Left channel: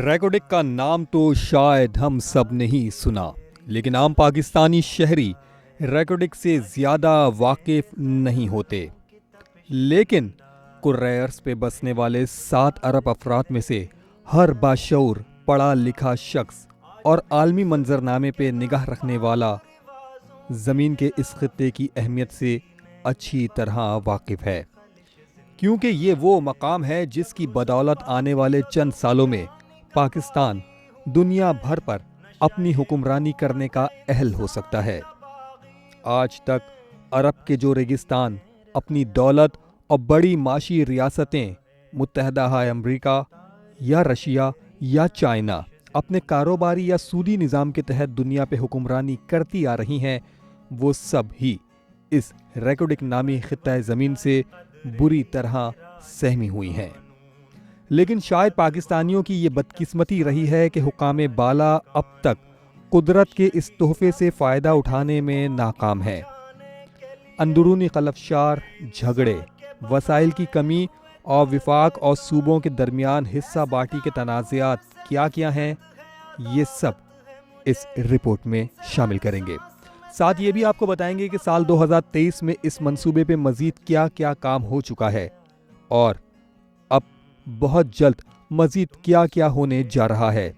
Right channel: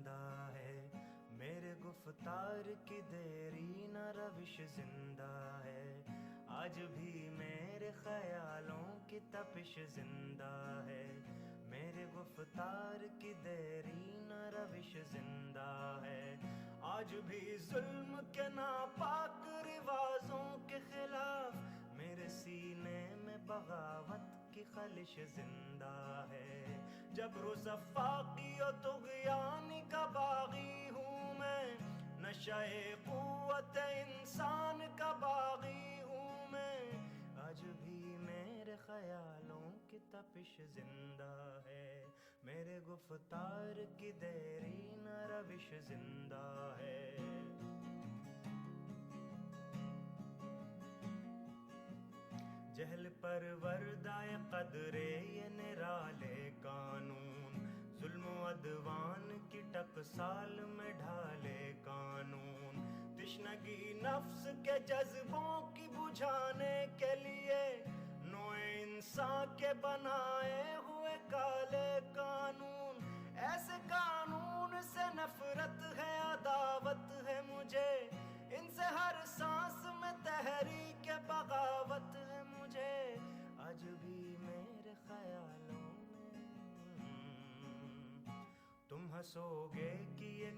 ریکوڈک کا نام تو شاید ہم سب نے ہی سنا، لیکن عام پاکستانی شہری ریکوڈک سے زیادہ واقف نہیں ہوتے۔ لیکن کرۂ ارض پہ بسنے والے 7 ارب افراد میں سے ہر باشعور پڑھا لکھا شخص اور عالمی منظرنامے پہ نگاہ رکھنے والا زمین کے اس خطے کی اہمیت سے اچھی طرح واقف ہے، کیونکہ یہ وہ مقام ہے جس کی بدولت آنے والے چند سالوں میں پاکستان دنیا بھر پر اپنی حکمرانی کرنے کا اہل ہو سکتا ہے۔ آج تک عرب کے جو ریگستان اپنی دولت اور بڑی معاشی ریاستیں متحدہ امریکہ یا رشیا یا چائنا اپنے کاروباری یا سودی نظام کے تحت دنیا پہ حکمرانی کرتی آ رہی ہیں، وہ سب ہی اس ریکوڈک نامی خطہ زمین سے بری طرح سہمی ہوئی ہیں۔ لیکن شاید پاکستانیوں کی یہ بدقسمتی رہی ہے کہ حکام بالا اب تک قدرت کے اس تحفے سے فائدہ اٹھانے میں ناکام ہیں۔ اندرونی خلفشار، جھگڑے، وسائل کی کمی اور وفاق اور صوبوں کے درمیان حصہ بانٹی کے تنازعات کیا ہیں، یہ سب اس رپورٹ میں شامل کریں گے۔ ساتھ یہ بھی آپ کو بتائیں گے کہ سال 2023 میں اس منصوبے پہ مزید کیا کام ہو چکا ہے اور اب بہت جلد مزید کیا ہونے جا رہا ہے۔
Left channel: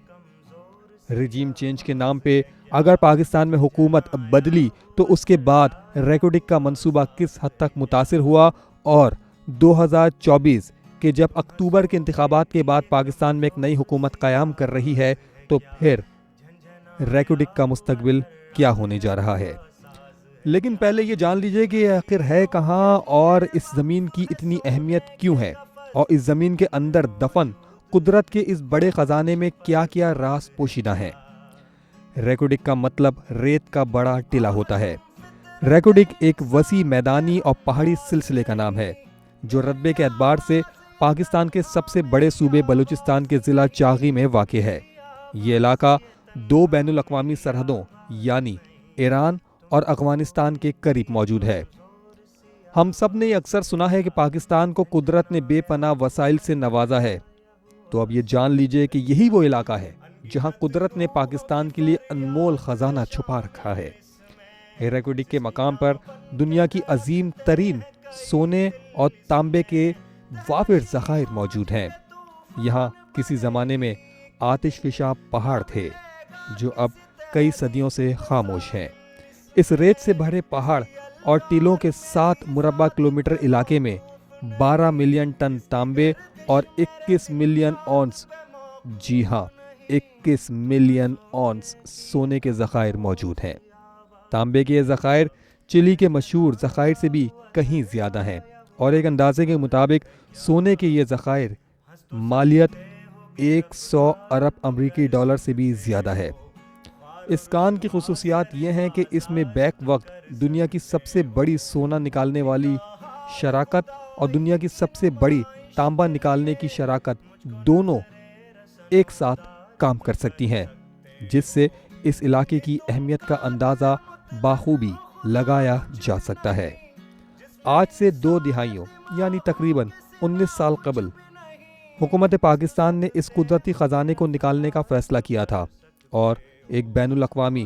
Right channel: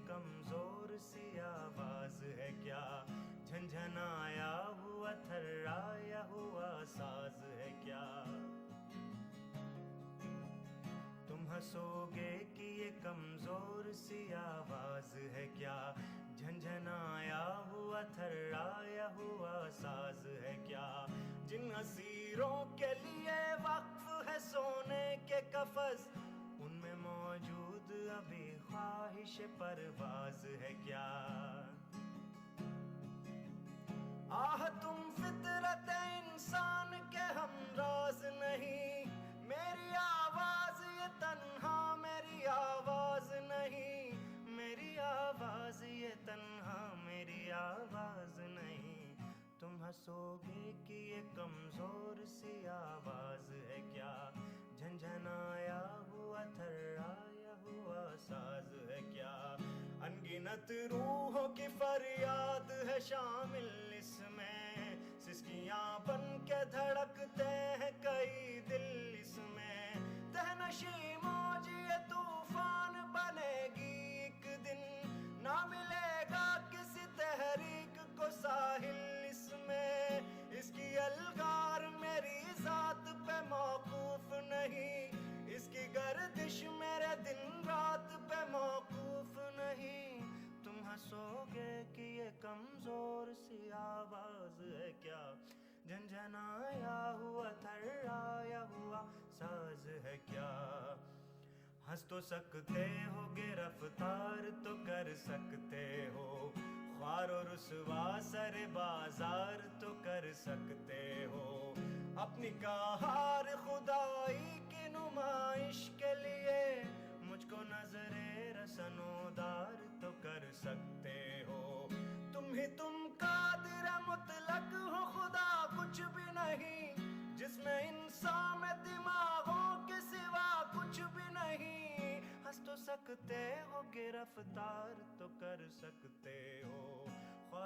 رجیم چینج کے نام پہ اگر پاکستان میں حکومت بدلی تو اس کے بعد ریکوڈک کا منصوبہ کس حد تک متاثر ہوا، اور 2024 کے جب اکتوبر کے انتخابات کے بعد پاکستان میں ایک نئی حکومت قیام کر رہی ہے تو پھر ریکوڈک کا مستقبل کیا ہونے جا رہا ہے۔ لیکن پہلے یہ جان لیجئے کہ آخر ہے کہاں اور اس زمین کی اتنی اہمیت کیوں ہے، اور اس زمین کے اندر دفن قدرت کے اس بڑے خزانے میں کیا راز پوشیدہ ہے۔ ریکوڈک کا مطلب ریت کا بڑا ٹلہ ہوتا ہے۔ ریکوڈک ایک وسیع میدانی اور پہاڑی سلسلے کا نام ہے جو رقبے کے اعتبار سے پاکستان کے سب سے بڑے صوبے بلوچستان کے ضلع چاغی میں واقع ہے۔ یہ علاقہ 2 بین الاقوامی سرحدوں یعنی ایران اور افغانستان کے قریب موجود ہے۔ ہم سب نے یہ اکثر سنا ہے کہ پاکستان کو قدرت نے بے پناہ وسائل سے نوازا ہے، تو اب یہ جان لیجئے کہ یہی وہ علاقہ ہے جہاں قدرت نے پاکستان کے لیے انمول خزانہ چھپا رکھا ہے۔ ریکوڈک کے مقام پر دنیا کی عظیم ترین سونے اور تانبے کے وافر ذخائر موجود ہیں۔ یہاں کسی زمانے میں آتش فشاں پہاڑ تھے جو اب کئی صدیوں سے خاموش ہیں۔ اس ریت سے بھرے پہاڑ اور ٹیلوں کے 7 مربع کلومیٹر علاقے میں 12 ملین ٹن تانبے اور 21 ملین اونس، جی ہاں 21 ملین اونس سونے کے ذخائر موجود ہیں۔ تانبے کے یہ ذخائر چلی کے مشہور ذخائر سے بھی کہیں زیادہ ہیں، اور ایک اندازے کے مطابق سونے کے یہ ذخائر مالیت 100 ارب امریکی ڈالر سے بھی زیادہ ہے۔ اس کان کی خصوصیات یہ ہیں کہ اس میں بیک وقت دنیا کی سب سے بڑی سونا نکالنے والی شراکت اور دنیا کی سب سے بڑی تانبا نکالنے کی شراکت دونوں ایک ساتھ کام کر سکتی ہیں، جس سے اس علاقے کی اہمیت کا اندازہ بخوبی لگایا جا سکتا ہے۔ آج سے 2 دہائیوں یعنی تقریباً 19 سال قبل حکومت پاکستان نے اس قدرتی خزانے کو نکالنے کا فیصلہ کیا تھا اور ایک بین الاقوامی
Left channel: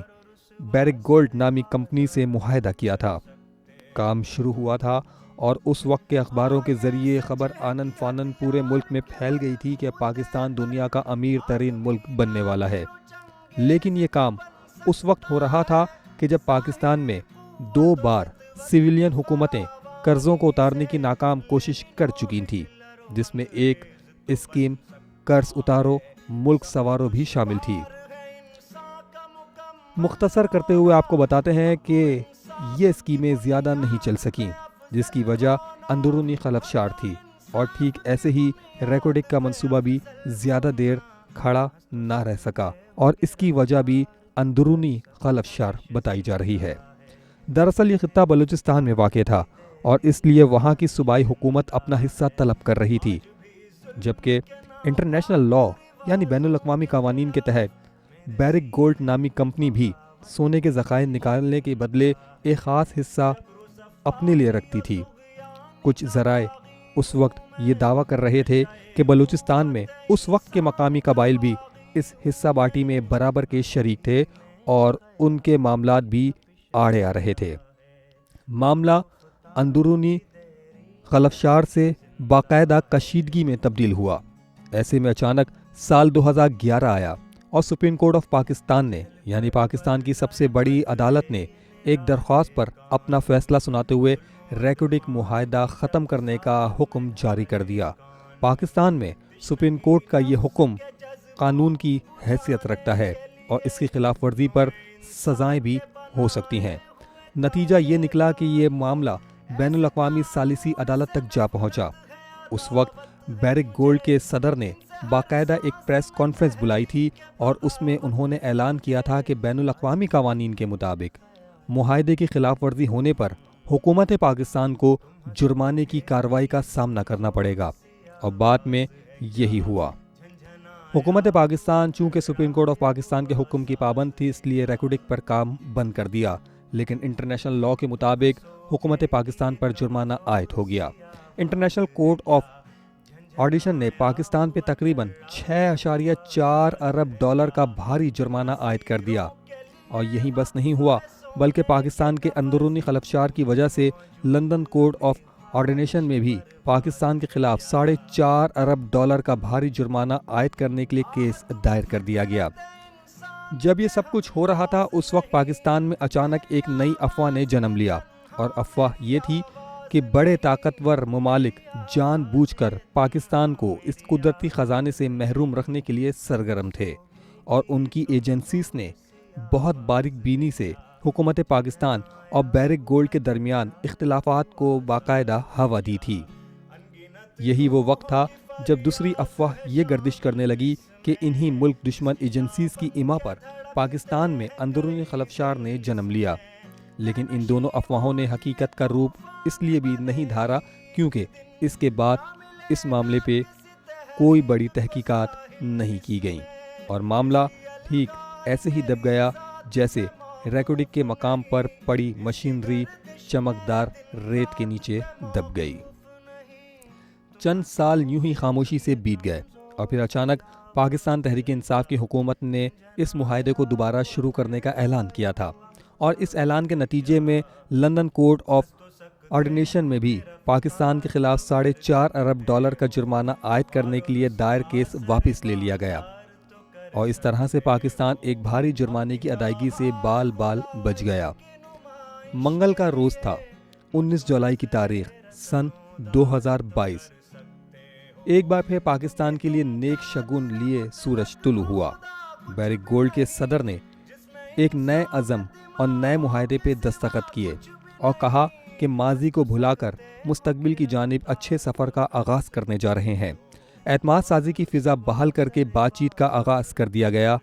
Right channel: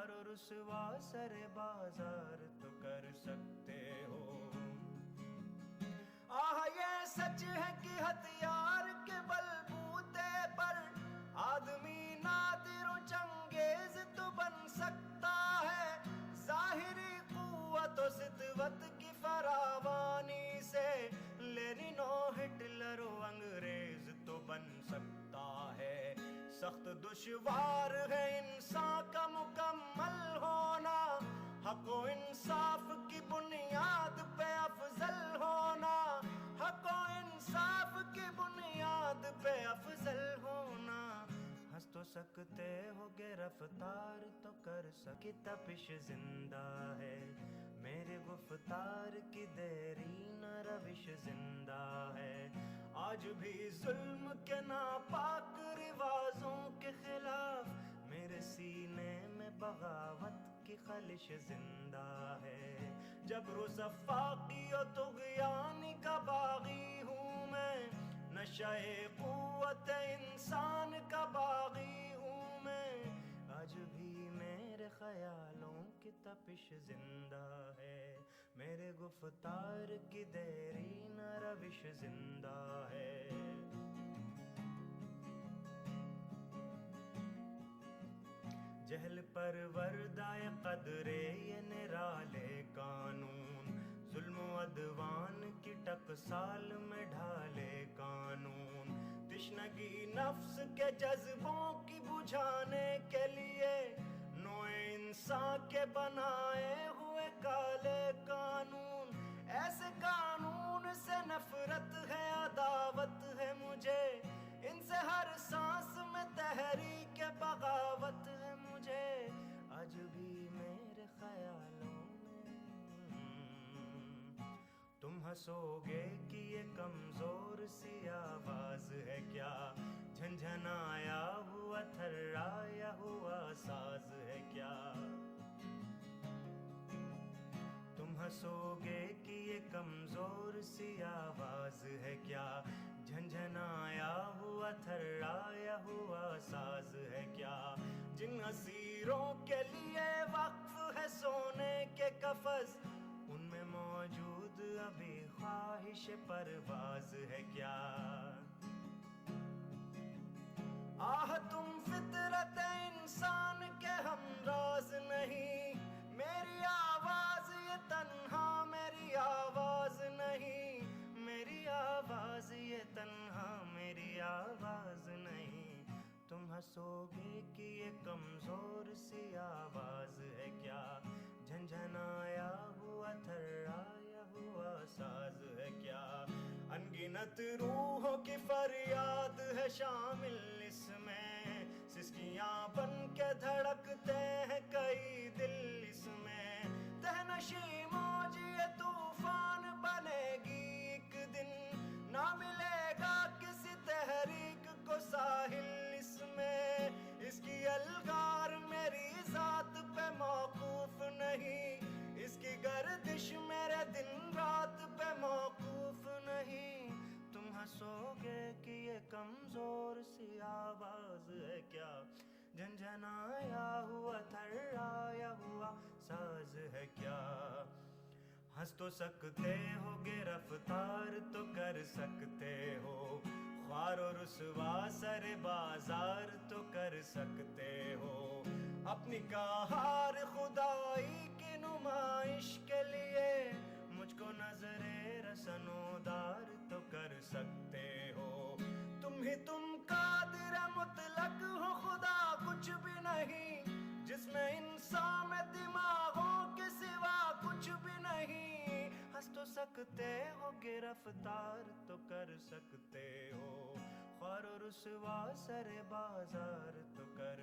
بیرک گولڈ نامی کمپنی سے معاہدہ کیا تھا۔ کام شروع ہوا تھا اور اس وقت کے اخباروں کے ذریعے خبر آنن فانن پورے ملک میں پھیل گئی تھی کہ پاکستان دنیا کا امیر ترین ملک بننے والا ہے۔ لیکن یہ کام اس وقت ہو رہا تھا کہ جب پاکستان میں 2 بار سویلین حکومتیں قرضوں کو اتارنے کی ناکام کوشش کر چکی تھیں، جس میں ایک اسکیم قرض اتارو ملک سوارو بھی شامل تھی۔ مختصر کرتے ہوئے آپ کو بتاتے ہیں کہ یہ اسکیمیں زیادہ نہیں چل سکیں، جس کی وجہ اندرونی خلفشار تھی، اور ٹھیک ایسے ہی ریکوڈک کا منصوبہ بھی زیادہ دیر کھڑا نہ رہ سکا، اور اس کی وجہ بھی اندرونی خلفشار بتائی جا رہی ہے۔ دراصل یہ خطہ بلوچستان میں واقع تھا اور اس لیے وہاں کی صوبائی حکومت اپنا حصہ طلب کر رہی تھی، جبکہ انٹرنیشنل لا یعنی بین الاقوامی قوانین کے تحت بیرک گولڈ نامی کمپنی بھی سونے کے ذخائر نکالنے کے بدلے ایک خاص حصہ اپنے لیے رکھتی تھی۔ کچھ ذرائع اس وقت یہ دعویٰ کر رہے تھے کہ بلوچستان میں اس وقت کے مقامی قبائل بھی اس حصہ بانٹی میں برابر کے شریک تھے اور ان کے معاملات بھی آڑے آ رہے تھے۔ معاملہ اندرونی خلفشار سے باقاعدہ کشیدگی میں تبدیل ہوا۔ ایسے میں اچانک سال 2011 آیا اور سپریم کورٹ آف پاکستان نے یعنی پاکستان کی سب سے بڑی عدالت نے ایک درخواست پر اپنا فیصلہ سناتے ہوئے ریکوڈک معاہدہ ختم کرنے کا حکم جاری کر دیا۔ پاکستان میں سپریم کورٹ کا یہ حکم قانون کی حیثیت رکھتا ہے اور اس کی خلاف ورزی پر سزائیں بھی ہو سکتی ہیں۔ نتیجہ یہ نکلا کہ یہ معاملہ بین الاقوامی ثالثی عدالت تک جا پہنچا۔ اس وقت بیرک گولڈ کے صدر نے باقاعدہ ایک پریس کانفرنس بلائی تھی اور اس میں انہوں نے اعلان کیا تھا کہ بین الاقوامی قوانین کے مطابق معاہدے کی خلاف ورزی ہونے پر حکومت پاکستان کو جرمانے کی کارروائی کا سامنا کرنا پڑے گا، اور بعد میں یہی ہوا۔ حکومت پاکستان چونکہ سپریم کورٹ آف پاکستان کے حکم کی پابند تھی، اس لیے ریکوڈک پر کام بند کر دیا، لیکن انٹرنیشنل لاء کے مطابق حکومت پاکستان پر جرمانہ عائد ہو گیا۔ انٹرنیشنل کورٹ آف آرڈیشن نے پاکستان پہ تقریباً 6.4 ارب ڈالر کا بھاری جرمانہ عائد کر دیا، اور یہی بس نہیں ہوا بلکہ پاکستان کے اندرونی خلفشار کی وجہ سے لندن کورٹ آف آرڈینیشن میں بھی پاکستان کے خلاف 4.5 ارب ڈالر کا بھاری جرمانہ عائد کرنے کے لیے کیس دائر کر دیا گیا۔ جب یہ سب کچھ ہو رہا تھا، اس وقت پاکستان میں اچانک ایک نئی افواہ نے جنم لیا، اور افواہ یہ تھی کہ بڑے طاقتور ممالک جان بوجھ کر پاکستان کو اس قدرتی خزانے سے محروم رکھنے کے لیے سرگرم تھے، اور ان کی ایجنسیز نے بہت باریک بینی سے حکومت پاکستان اور بیرک گولڈ کے درمیان اختلافات کو باقاعدہ ہوا دی تھی۔ یہی وہ وقت تھا جب دوسری افواہ یہ گردش کرنے لگی کہ انہی ملک دشمن ایجنسیز کی ایما پر پاکستان میں اندرونی خلفشار نے جنم لیا، لیکن ان دونوں افواہوں نے حقیقت کا روپ اس لیے بھی نہیں دھارا کیونکہ اس کے بعد اس معاملے پہ کوئی بڑی تحقیقات نہیں کی گئیں، اور معاملہ ٹھیک ایسے ہی دب گیا جیسے ریکوڈک کے مقام پر پڑی مشینری چمکدار ریت کے نیچے دب گئی۔ چند سال یوں ہی خاموشی سے بیت گئے، اور پھر اچانک پاکستان تحریک انصاف کی حکومت نے اس معاہدے کو دوبارہ شروع کرنے کا اعلان کیا تھا، اور اس اعلان کے نتیجے میں لندن کورٹ آف آرڈینیشن میں بھی پاکستان کے خلاف 4.5 ارب ڈالر کا جرمانہ عائد کرنے کے لیے دائر کیس واپس لے لیا گیا، اور اس طرح سے پاکستان ایک بھاری جرمانے کی ادائیگی سے بال بچ گیا۔ منگل کا روز تھا، 19 جولائی کی تاریخ سن 2022۔ ایک بار پھر پاکستان کے لیے نیک شگون لیے سورج طلوع ہوا۔ بیرک گولڈ کے صدر نے ایک نئے عزم اور نئے معاہدے پہ دستخط کیے اور کہا کہ ماضی کو بھلا کر مستقبل کی جانب اچھے سفر کا آغاز کرنے جا رہے ہیں۔ اعتماد سازی کی فضا بحال کر کے بات چیت کا آغاز کر دیا گیا،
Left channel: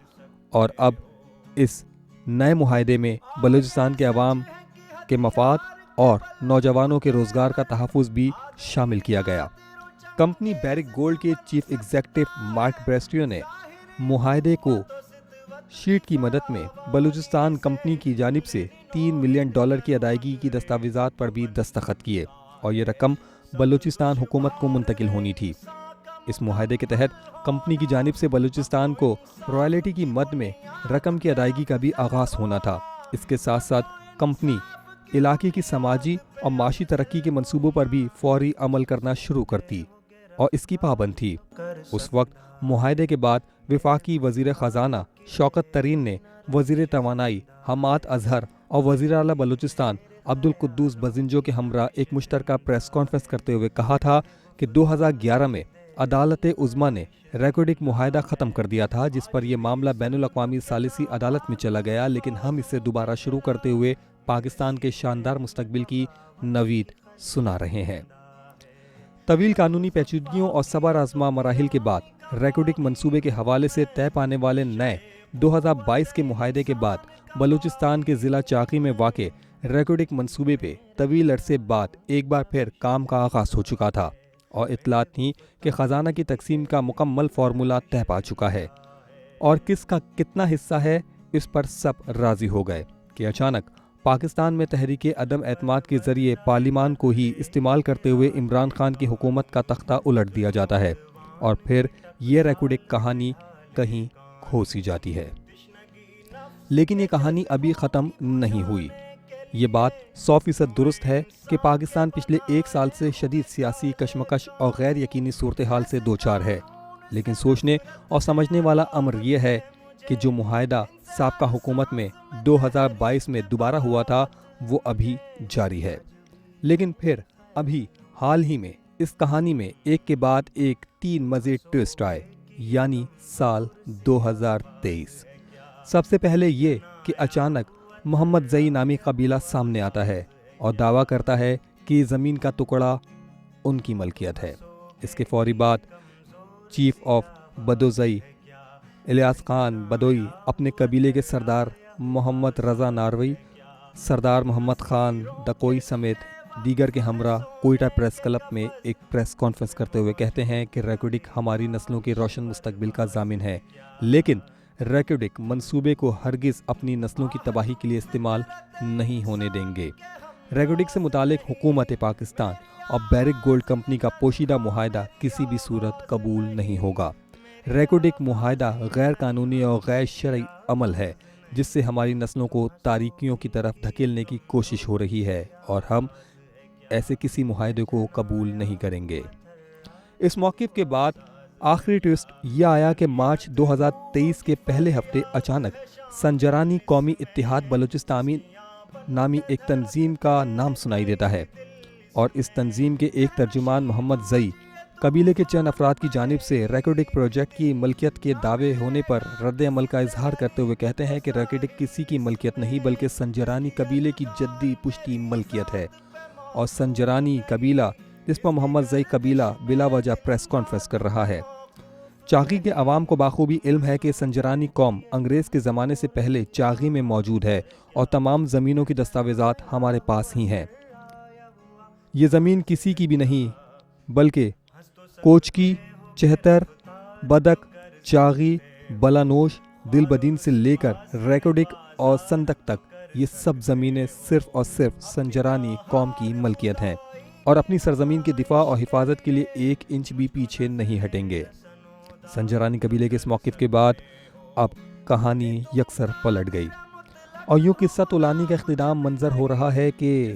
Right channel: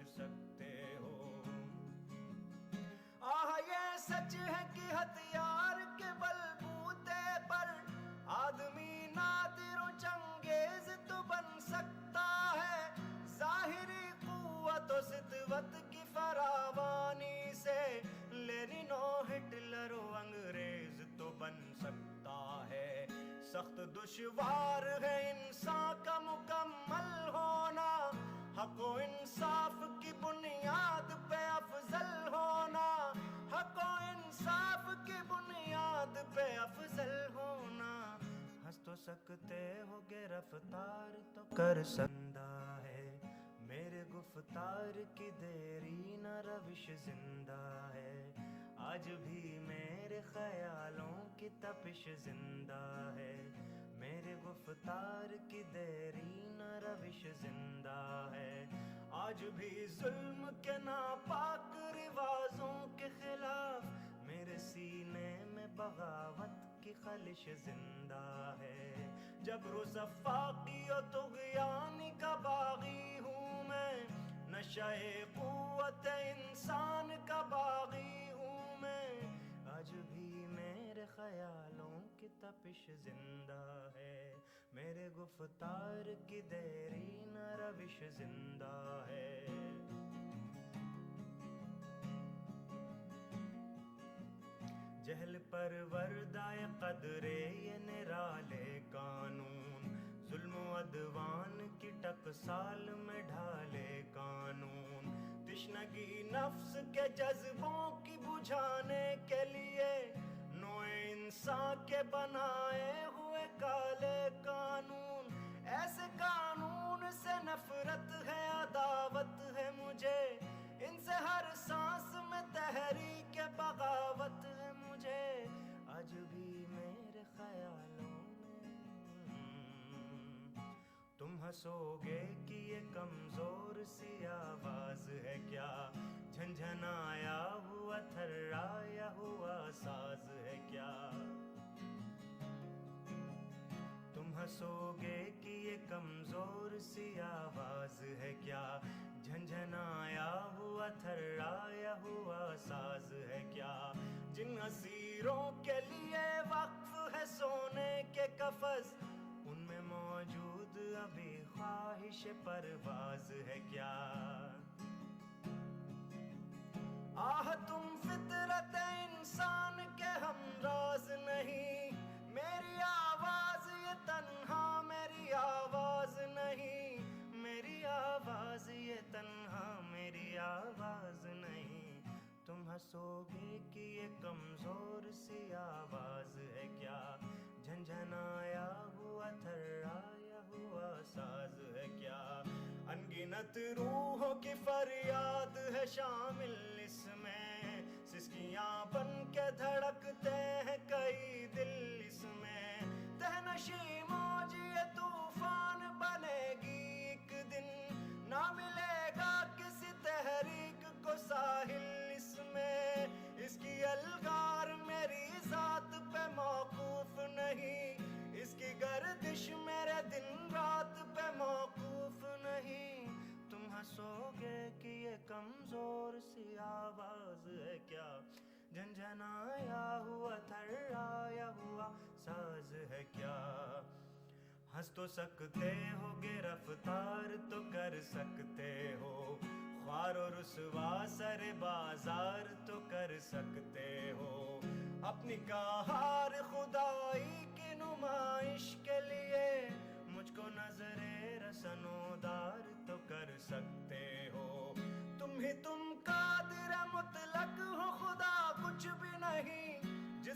اور اب اس نئے معاہدے میں بلوچستان کے عوام کے مفاد اور نوجوانوں کے روزگار کا تحفظ بھی شامل کیا گیا۔ کمپنی بیرک گولڈ کے چیف ایگزیکٹو مارک بریسٹو نے معاہدے کو شیٹ کی مدد میں بلوچستان کمپنی کی جانب سے $3 ملین کی ادائیگی کی دستاویزات پر بھی دستخط کیے، اور یہ رقم بلوچستان حکومت کو منتقل ہونی تھی۔ اس معاہدے کے تحت کمپنی کی جانب سے بلوچستان کو رائلٹی کی مد میں رقم کی ادائیگی کا بھی آغاز ہونا تھا۔ اس کے ساتھ ساتھ کمپنی علاقے کی سماجی اور معاشی ترقی کے منصوبوں پر بھی فوری عمل کرنا شروع کرتی اور اس کی پابند تھی۔ اس وقت معاہدے کے بعد وفاقی وزیر خزانہ شوکت ترین نے وزیر توانائی حماد اظہر اور وزیر اعلیٰ بلوچستان عبدالقدوس بزنجو کے ہمراہ ایک مشترکہ پریس کانفرنس کرتے ہوئے کہا تھا کہ 2011 میں عدالت عظمیٰ نے ریکوڈک معاہدہ ختم کر دیا تھا، جس پر یہ معاملہ بین الاقوامی ثالثی عدالت میں چلا گیا، لیکن ہم اسے دوبارہ شروع کرتے ہوئے پاکستان کے شاندار مستقبل کی نوید سنا رہے ہیں۔ طویل قانونی پیچیدگیوں اور صبر آزما مراحل کے بعد ریکوڈک منصوبے کے حوالے سے طے پانے والے نئے 2022 کے معاہدے کے بعد بلوچستان کے ضلع چاقی میں واقع ریکوڈک منصوبے پہ طویل عرصے بعد ایک بار پھر کام کا آغاز ہو چکا تھا، اور اطلاعات تھیں کہ خزانہ کی تقسیم کا مکمل فارمولہ طے پا چکا ہے، اور کس کا کتنا حصہ ہے اس پر سب راضی ہو گئے کہ اچانک پاکستان میں تحریک عدم اعتماد کے ذریعے پارلیمان کو ہی استعمال کرتے ہوئے عمران خان کی حکومت کا تختہ الٹ دیا جاتا ہے اور پھر یہ ریکارڈک کہانی کہیں کھوسی جاتی ہے۔ لیکن یہ کہانی ابھی ختم نہیں ہوئی۔ یہ بات 100% درست ہے کہ پاکستان پچھلے 1 سال سے شدید سیاسی کشمکش اور غیر یقینی صورتحال سے دوچار ہے، لیکن سوچنے اور سمجھنے والا امر یہ ہے کہ جو معاہدہ سابقہ حکومت میں 2022 میں دوبارہ ہوا تھا وہ ابھی جاری ہے۔ لیکن پھر ابھی حال ہی میں اس کہانی میں ایک کے بعد ایک 3 مزید ٹوسٹ آئے، یعنی سال 2023۔ سب سے پہلے یہ کہ اچانک محمد زئی نامی قبیلہ سامنے آتا ہے اور دعویٰ کرتا ہے کہ زمین کا ٹکڑا ان کی ملکیت ہے۔ اس کے فوری بعد چیف آف بدوزئی الیاس خان بدوئی اپنے قبیلے کے سردار محمد رضا ناروی، سردار محمد خان دکوئی سمیت دیگر کے ہمراہ کوئٹہ پریس کلب میں ایک پریس کانفرنس کرتے ہوئے کہتے ہیں کہ ریکارڈک ہماری نسلوں کے روشن مستقبل کا ضامن ہے، لیکن ریکارڈک منصوبے کو ہرگز اپنی نسلوں کی تباہی کے لیے استعمال نہیں ہونے دیں گے۔ ریکارڈک سے متعلق حکومت پاکستان اور بیرک گولڈ کمپنی کا پوشیدہ معاہدہ کسی بھی صورت قبول نہیں ہوگا۔ ریکارڈک معاہدہ غیر قانونی اور غیر شرعی عمل ہے جس سے ہماری نسلوں کو تاریکیوں کی طرف دھکیلنے کی کوشش ہو رہی ہے اور ہم ایسے کسی معاہدے کو قبول نہیں کریں گے۔ اس موقف کے بعد آخری ٹوسٹ یہ آیا کہ مارچ 2023 کے پہلے ہفتے اچانک سنجرانی قومی اتحاد بلوچستانی نامی ایک تنظیم کا نام سنائی دیتا ہے، اور اس تنظیم کے ایک ترجمان محمد زئی قبیلے کے چند افراد کی جانب سے ریکارڈک پروجیکٹ کی ملکیت کے دعوے ہونے پر رد عمل کا اظہار کرتے ہوئے کہتے ہیں کہ ریکارڈک کسی کی ملکیت نہیں بلکہ سنجرانی قبیلے کی جدی پشتی ملکیت ہے، اور سنجرانی قبیلہ جس پر محمد زئی قبیلہ بلا وجہ پریس کانفرنس کر رہا ہے۔ چاغی کے عوام کو بخوبی علم ہے کہ سنجرانی قوم انگریز کے زمانے سے پہلے چاغی میں موجود ہے اور تمام زمینوں کی دستاویزات ہمارے پاس ہی ہیں۔ یہ زمین کسی کی بھی نہیں بلکہ کوچکی، چہتر، بدک، چاغی، بلانوش، دل بدین سے لے کر ریکارڈک اور سندک تک یہ سب زمینیں صرف اور صرف سنجرانی قوم کی ملکیت ہیں اور اپنی سرزمین کے دفاع اور حفاظت کے لیے 1 انچ بھی پیچھے نہیں ہٹیں گے۔ سنجرانی قبیلے کے اس موقف کے بعد اب کہانی یکسر پلٹ گئی اور یوں قصہ طولانی کا اختتام منظر ہو رہا ہے کہ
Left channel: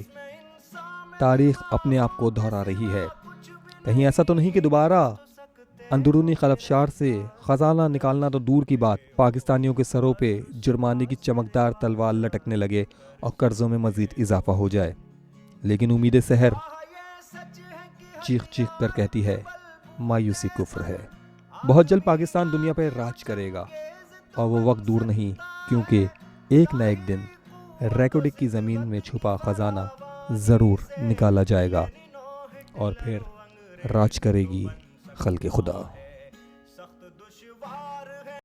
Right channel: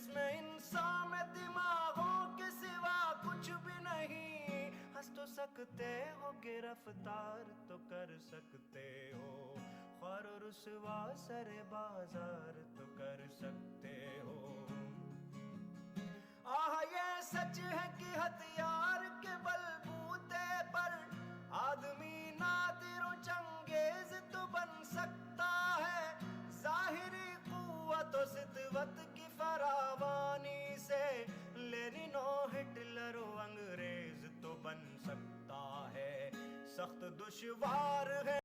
تاریخ اپنے آپ کو دہرا رہی ہے۔ کہیں ایسا تو نہیں کہ دوبارہ اندرونی خلفشار سے خزانہ نکالنا تو دور کی بات، پاکستانیوں کے سروں پہ جرمانے کی چمکدار تلوار لٹکنے لگے اور قرضوں میں مزید اضافہ ہو جائے۔ لیکن امید سحر چیخ چیخ کر کہتی ہے مایوسی کفر ہے۔ بہت جلد پاکستان دنیا پر راج کرے گا اور وہ وقت دور نہیں، کیونکہ ایک نہ ایک دن ریکارڈک کی زمین میں چھپا خزانہ ضرور نکالا جائے گا اور پھر راج کرے گی خلق خدا۔